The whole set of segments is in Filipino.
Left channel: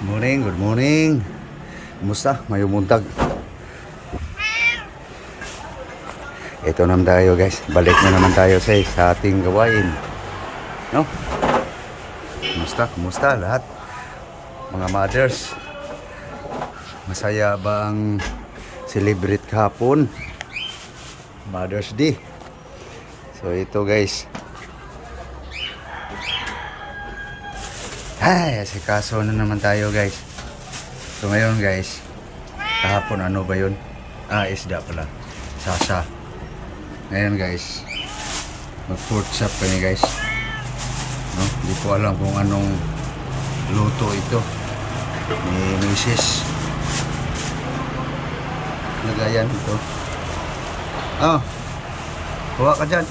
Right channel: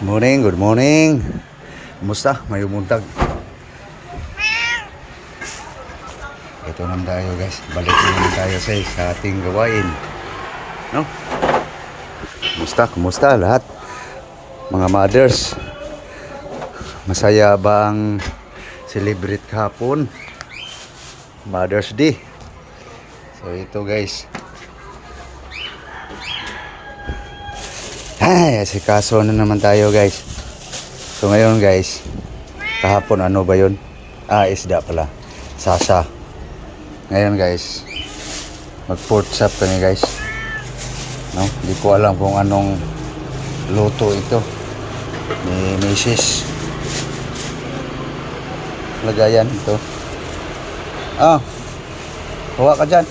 Morning, good morning. Kumusta? Mayong buntag. Ito naman tayo guys. Balik na naman tayo sa ating gawain. No? Kumusta? Kumusta lahat? Mga mothers. Masaya ba ang celebrate kahapon? Mother's Day. So ito guys. Ay, asikaso na naman tayo guys. So ngayon guys, kahapon ano ba yun? Isda pala. Sasa. Ngayon guys, mag-pork chop kami guys. No? Hindi ko alam kung anong luto ito ni Mrs. Lagayan ito. Huwag ka dyan.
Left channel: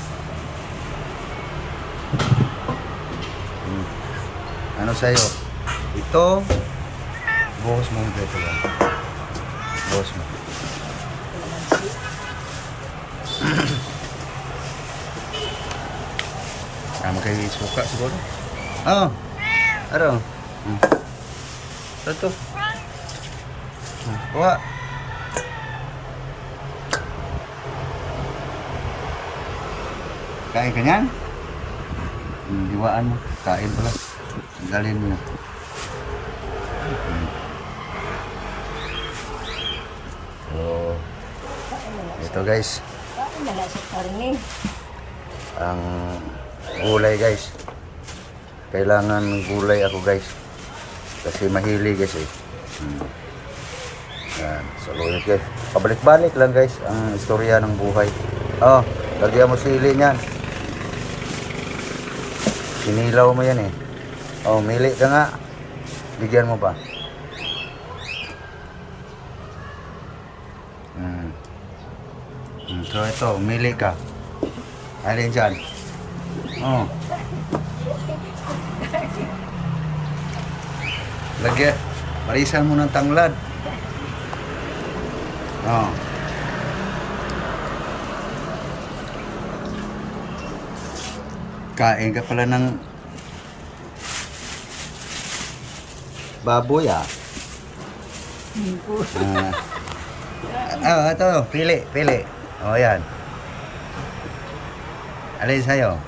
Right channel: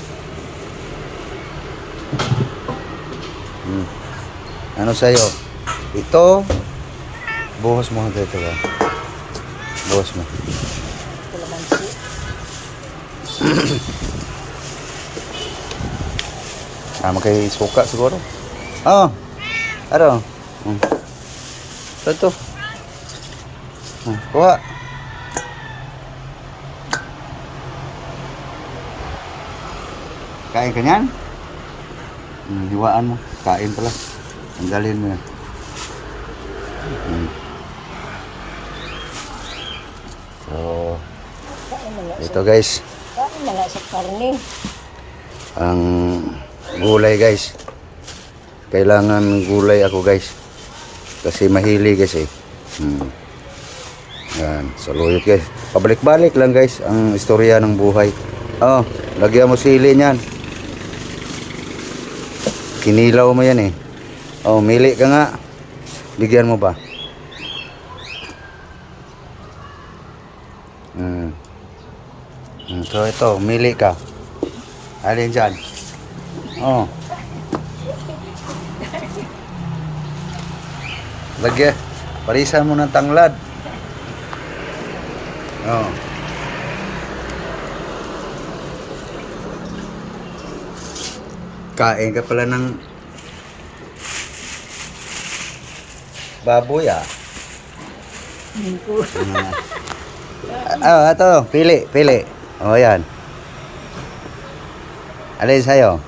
Ano sa'yo? Ito. Buhos mo ito. Buhos mo. Kayo suka siguro. Ano? Ito. Kuha. Kain ka niyan? Hiwaan mo. Kain pala. Tanggalin mo yan. So, ito guys. Ang gulay guys. Kailangan gulay ako guys. Kasi mahili guys eh. Yan. Saluyot guys. Pabalik-balik lang guys ang istorya ng buhay. Lagyan mo sili niyan. Kinilaw mo yan eh. Mili ka nga. Bigyan mo ba? So ito, mili ka. Alin dyan? Lagyan. Parisan mo ng tanglad. Kain ka pala ng baboy ito, pili. Yan. Alin sa'yo?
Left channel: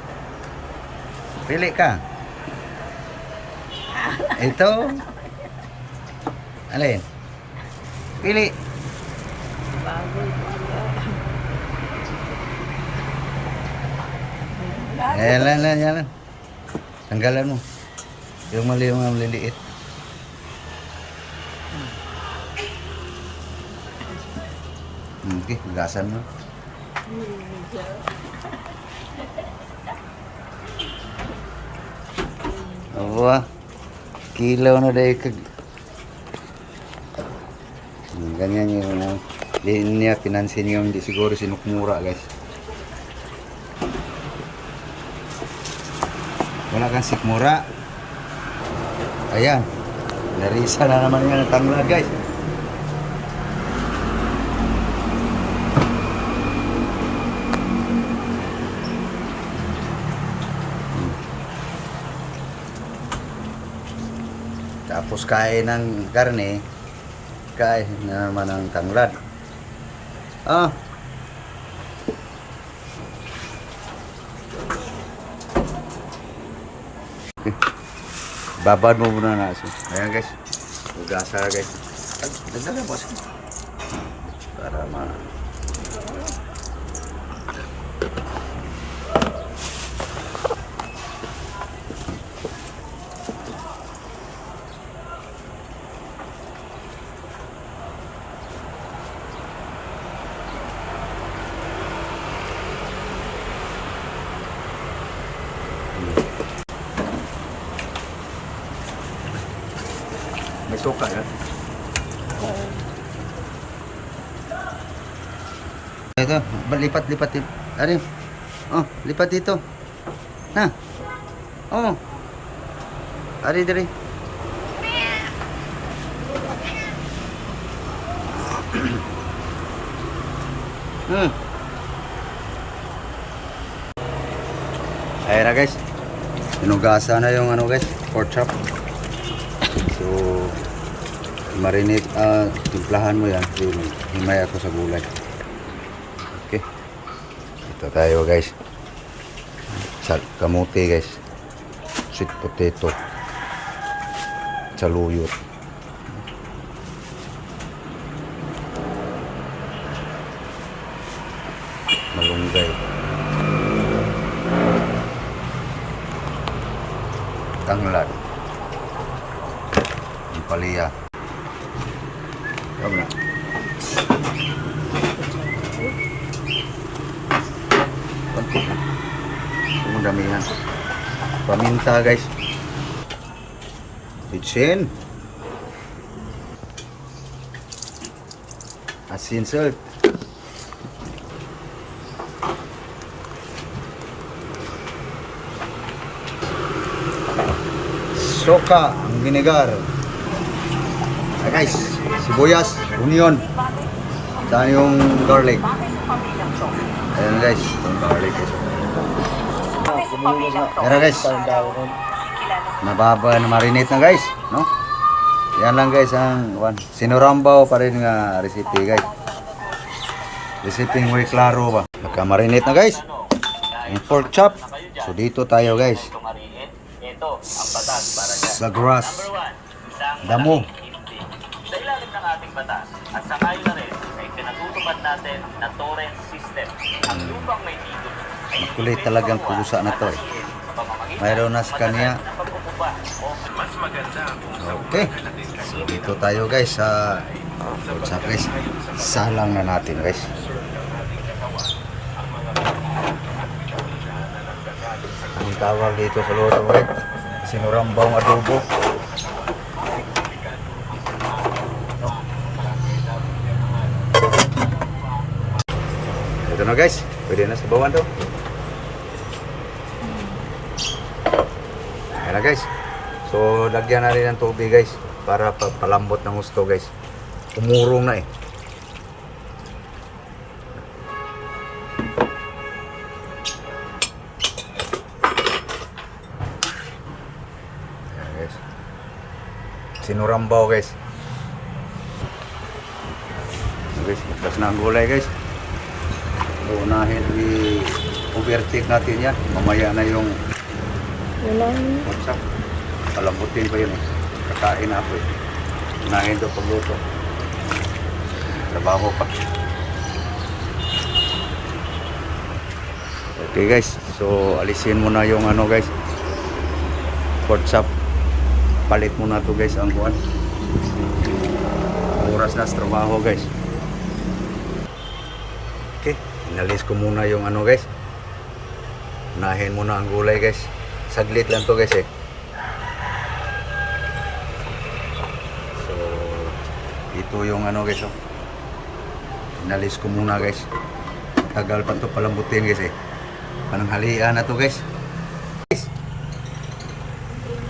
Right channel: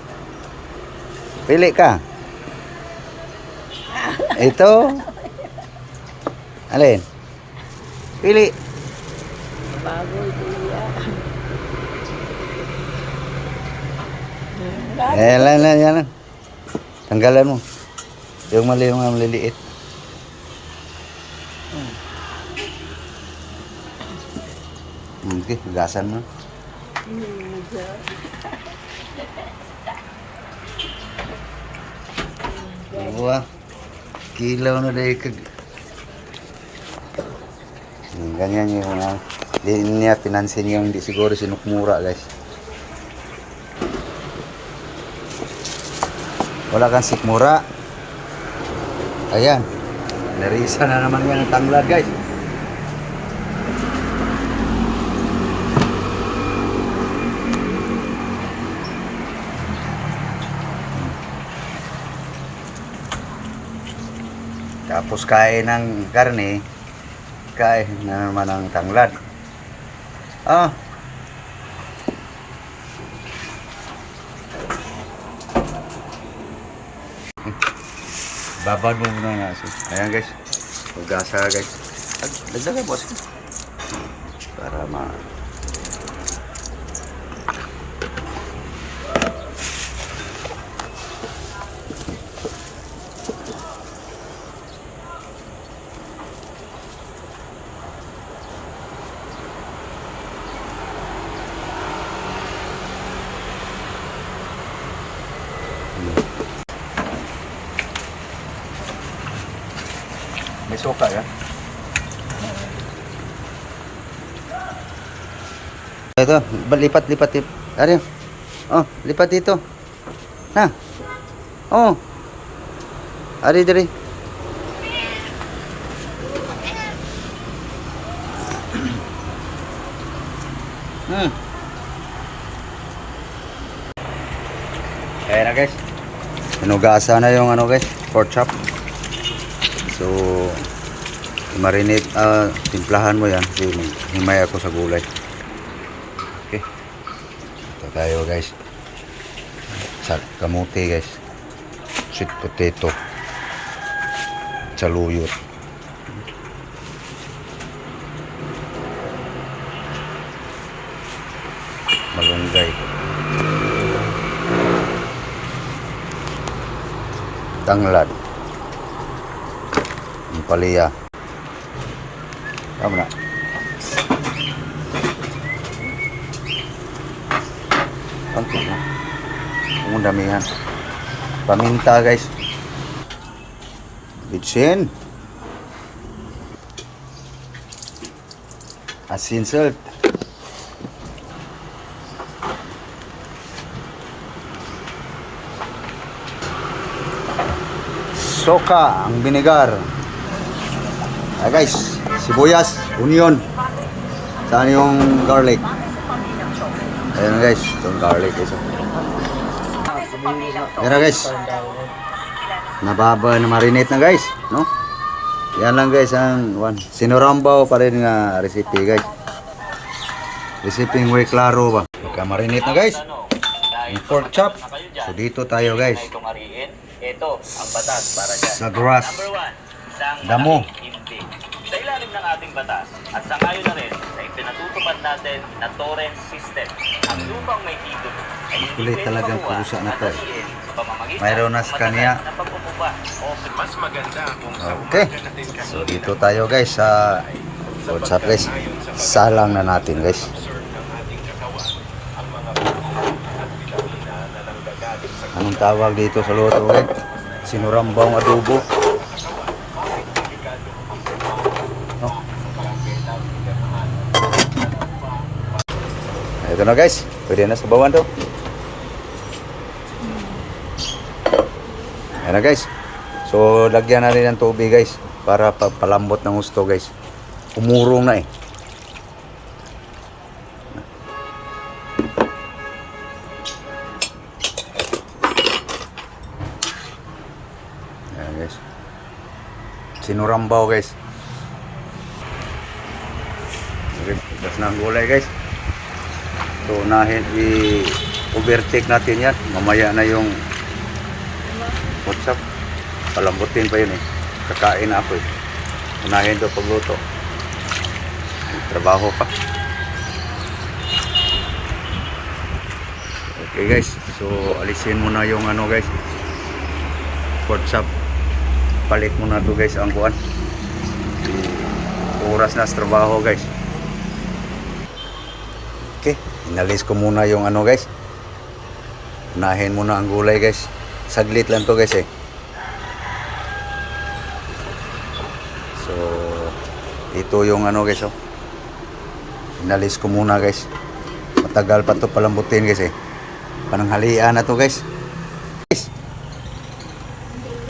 Pili ka. Ito. Alin? Pili. Yan. Tanggalan mo. Yung mali yung maliliit. Okay, gasan mo. Kilaw na dahil ganyan yung mga di niya pinansin yung di siguro sinukmura guys. Wala kang sikmura. Ayan, narisa na naman yan ang tanglad guys. Tapos kain ng karne, kain na naman ng tanglad. Babad mo muna na siya. Ayan guys. Magasa guys. Nagdala boss. Para ma... May suka yan. Ito, lipat. Ano yun? Lipat dito. Ari. Ayan na guys. Pinugasa na yung ano guys, pork chop. So, marinate, timplahan mo yan. So, himay ako sa gulay. Okay. Ito tayo guys. Kamuti guys. Sweet potato. Saluyot. Malunggay. Tanglad. Palaya. Tama na. Pangkit na. Ang dami yan. Paminta guys. Bitsin. Asin salt. Soka, ang vinegar. Guys, sibuyas, onion. Saan yung garlic? Ayan guys, yung garlic is. Ayan guys. Nababa na marinate na guys, no? Yan lang guys ang sinurambaw pa rin nga recipe guys. Recipe muy klaro ba? Naka-marinate na guys. Yung pork chop. So dito tayo guys. Sa grass. Damo. Sa ilalim ng ating batas at sangayon na rin sa ipinatutupad natin na torrent system. Ang lupang may ikot. Makulit talagang pusa na to eh. Mayroon na sa kanya. Okay. So dito tayo guys sa WhatsApp guys. Salang na natin guys. Anong tawag dito sa luto guys? Sinurambong adobo. Ito na guys. Pwede na sa bawan to. Ayan na guys. So lagyan na rin ng tubig guys. Para palambot ng gusto guys. Umurong na eh. Ayan guys. Sinurambaw guys. Okay, tapos na ang gulay guys. So unahin i-overtake natin yan. Mamaya na yung WhatsApp. Palambutin pa yun eh. Kakain na ako eh. Unahin ko pagluto. Trabaho pa. Okay guys. So alisin mo na yung ano guys. WhatsApp. Palit mo na to guys ang kuan. Oras na sa trabaho guys. Okay. Inalis ko muna yung ano guys. Unahin muna ang gulay guys. Saglit lang to guys eh. So ito yung ano guys oh. Inalis ko muna guys. Matagal pa to palambutin guys eh. Pananghalian na to guys.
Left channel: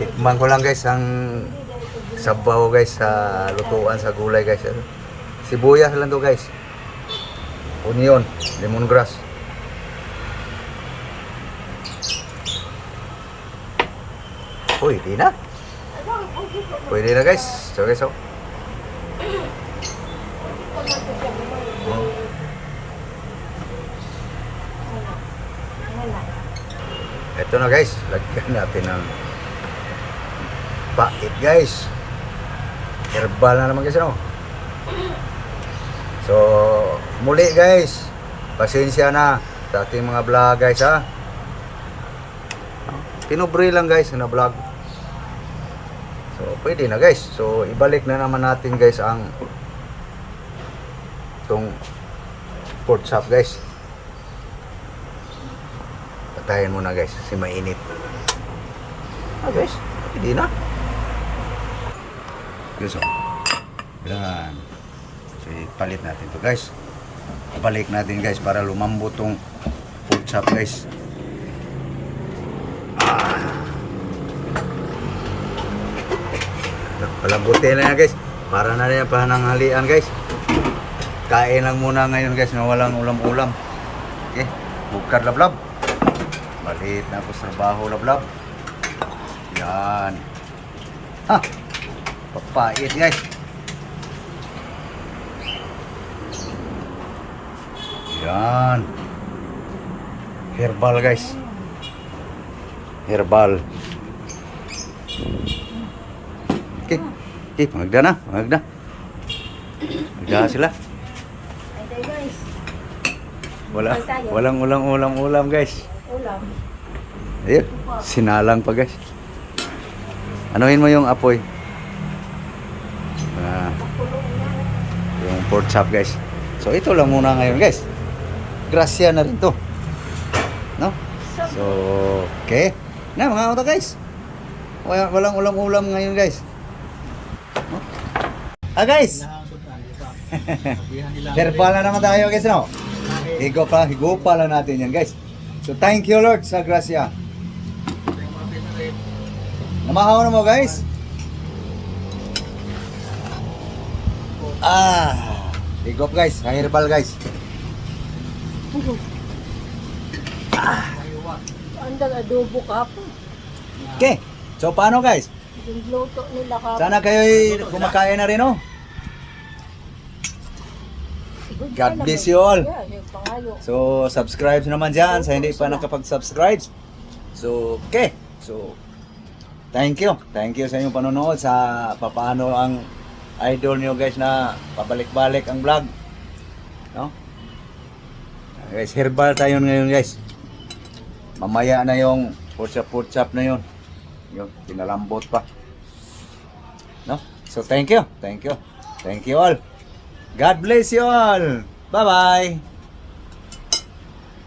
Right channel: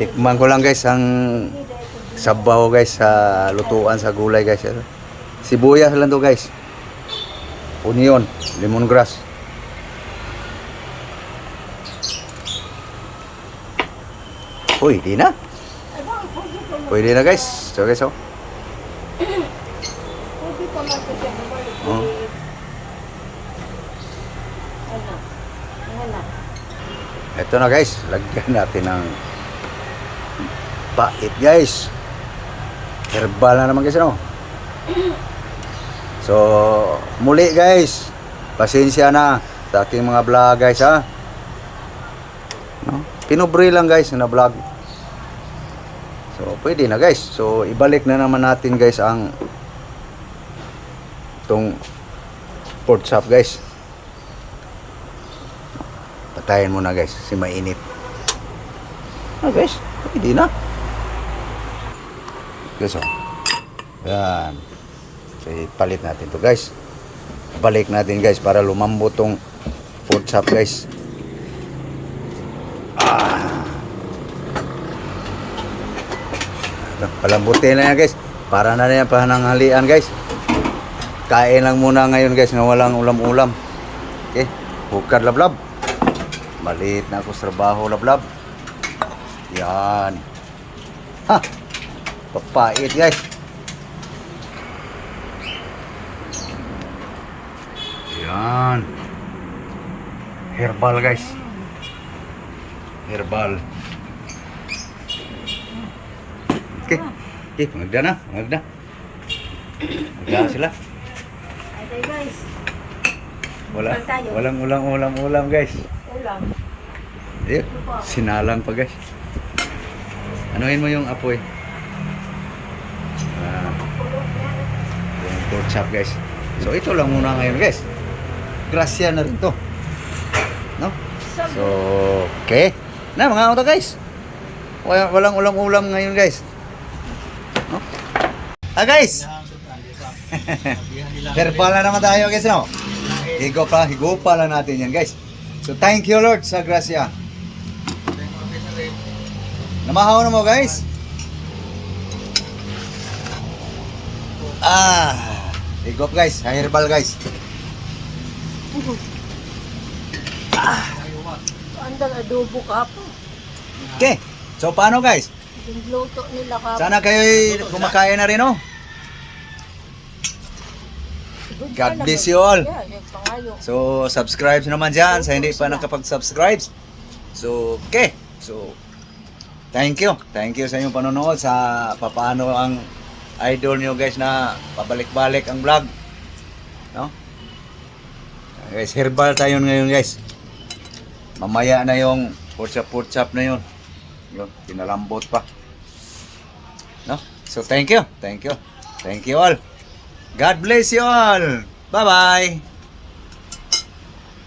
Tikman ko lang guys ang sabaw guys sa lutuan sa gulay guys. Sibuyas lang to guys. Onion, lemongrass. Pwede na. Pwede na guys. So guys oh. Ito na guys. Lagyan natin ng pait guys. Herbal na naman guys no. So muli guys. Pasensya na sa aking mga vlog guys ha. Pinubre lang guys na vlog. So pwede na guys. So ibalik na naman natin guys ang itong pork chop guys. Patayin mo na guys si mainit. Guys, pwede na. Guys oh. Yan. So ipalit natin to guys. Ibalik natin guys para lumambot tong pork chop guys. Palambutin na yan guys. Para na yan pananghalian guys. Kain lang muna ngayon guys nga walang ulam-ulam. Okay. Hukad lablab. Malit na ako sa trabaho lablab. Yan. Ha. Papait guys. Yan. Herbal guys. Herbal. Okay. Okay, magda na. Magda. Magda sila. Okay guys, Walang ulam guys. ulam. Ayun, sinalang pa guys. Anuhin mo yung apoy. Kulong yan. Yung pork chop guys. So ito lang muna ngayon guys. Grasya na rin to. No? So, okay. Na mga auto guys. Walang ulam ngayon guys. No? Ah guys. Herbal na naman tayo guys no. Higupa lang natin yan guys. So thank you Lord sa grasya. Namahaw na mo guys. Higup guys, herbal guys. Andang adobo ka pa. Okay. So paano guys? Yung luto nila ka. Sana kayo kumakain na rin oh. God bless you all. Yan, yung pangayo. So subscribe naman dyan sa hindi pa nakapag-subscribe. So okay. So thank you. Thank you sa inyong panonood sa papaano ang idol nyo guys na pabalik-balik ang vlog. No? Guys, herbal tayo ngayon guys. Mamaya na yung porchap na yun. Yung pinalambot pa. No? So thank you. Thank you. Thank you all. God bless you all. Bye-bye.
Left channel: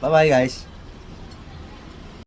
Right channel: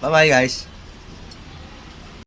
Bye-bye guys.